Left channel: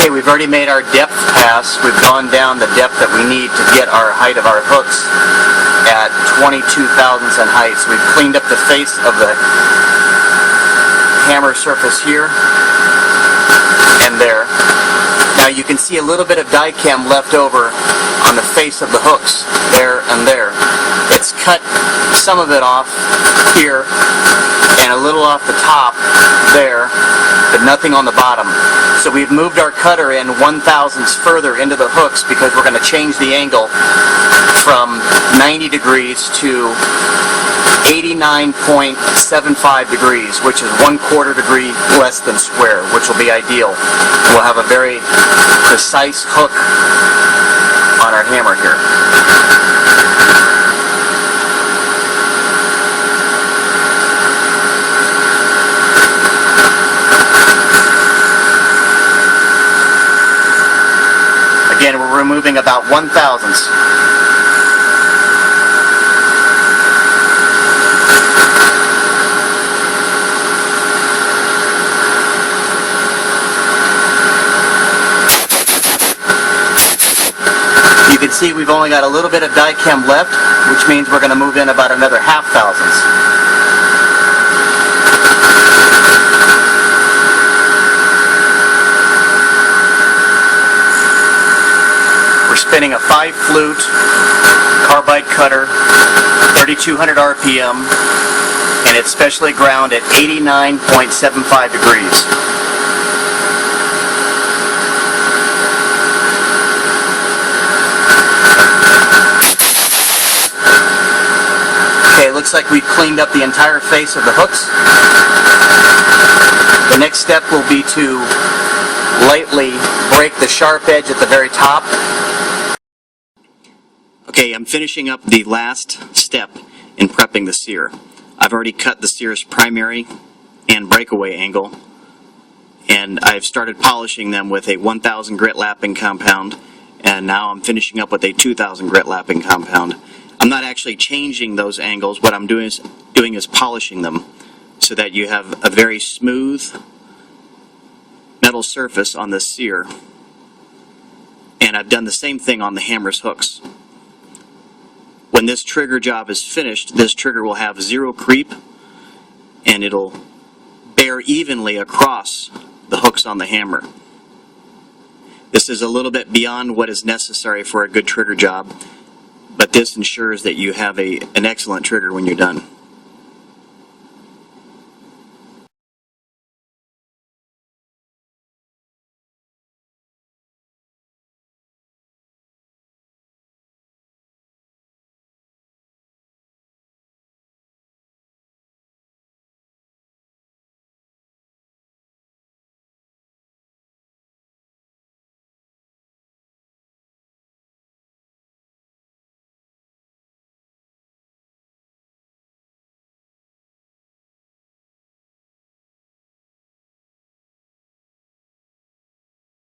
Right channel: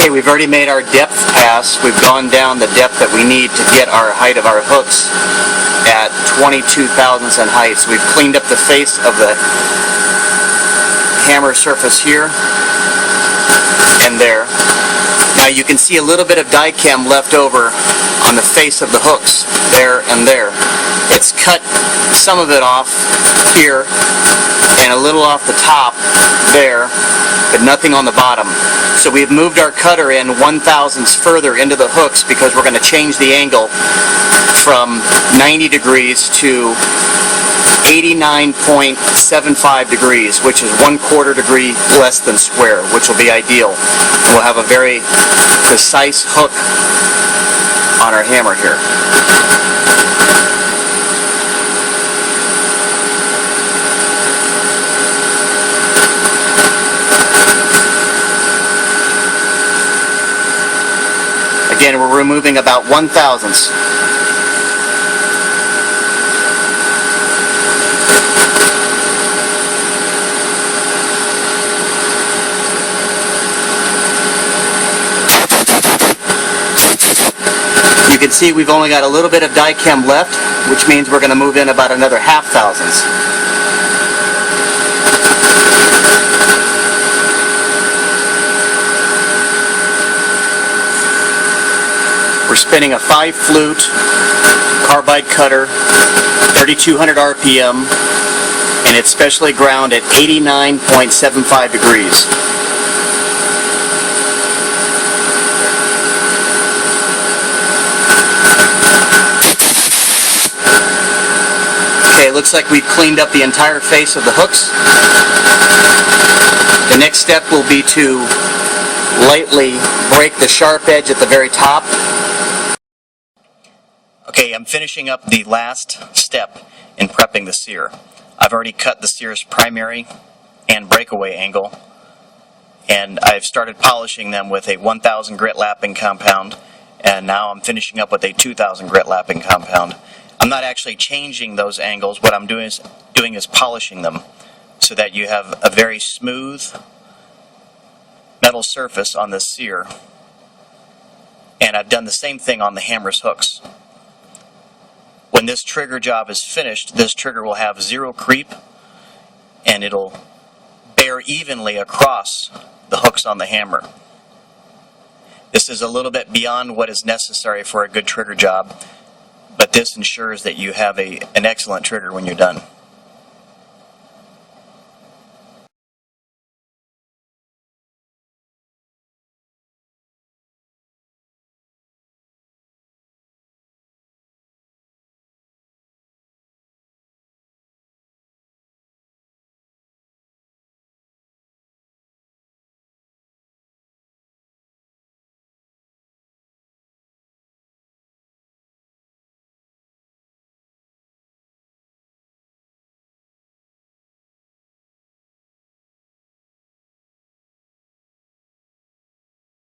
Okay, we've already made our depth pass. We've gone down the depth that we need to get our height of our hooks at 22 thousandths in height. So we've cleaned up the face of the hammer surface here and there. Now you can see a little bit of die chem left over on the face of the hooks there and there. It's cut some of it off here and a little off the top there, but nothing on the bottom. So we've moved our cutter in 1/1000ths further into the hooks because we're going to change the angle from 90 degrees to 89.75 degrees, which is 1/4 degree less than square, which will be ideal. We'll have a very precise hook on our hammer here. Again, we're removing about 1/1000ths. You can see we've only got a little bit of die chem left, which means we're going to move in about another 1/2 thousandths. We're spinning a 5-flute carbide cutter, 3200 RPM, and it's specially ground at 89.75 degrees. Okay, it looks like we've cleaned up the entire face of the hooks. The next step will be to lightly break the sharp edge at the very top. Okay, I'm finishing up the last step in prepping the sear. I've already cut the sear's primary and breakaway angle, and I've started polishing them with a 1000 grit lapping compound, and now I'm finishing up with a 2000 grit lapping compound. I'm not actually changing those angles. What I'm doing is polishing them so that you have a very smooth metal surface on the sear. And I've done the same thing on the hammer's hooks. When this trigger job is finished, this trigger will have zero creep, and it'll bear evenly across the hooks on the hammer. This is a little bit beyond what is necessary for a good trigger job, but this ensures that you have an excellent trigger when you're done.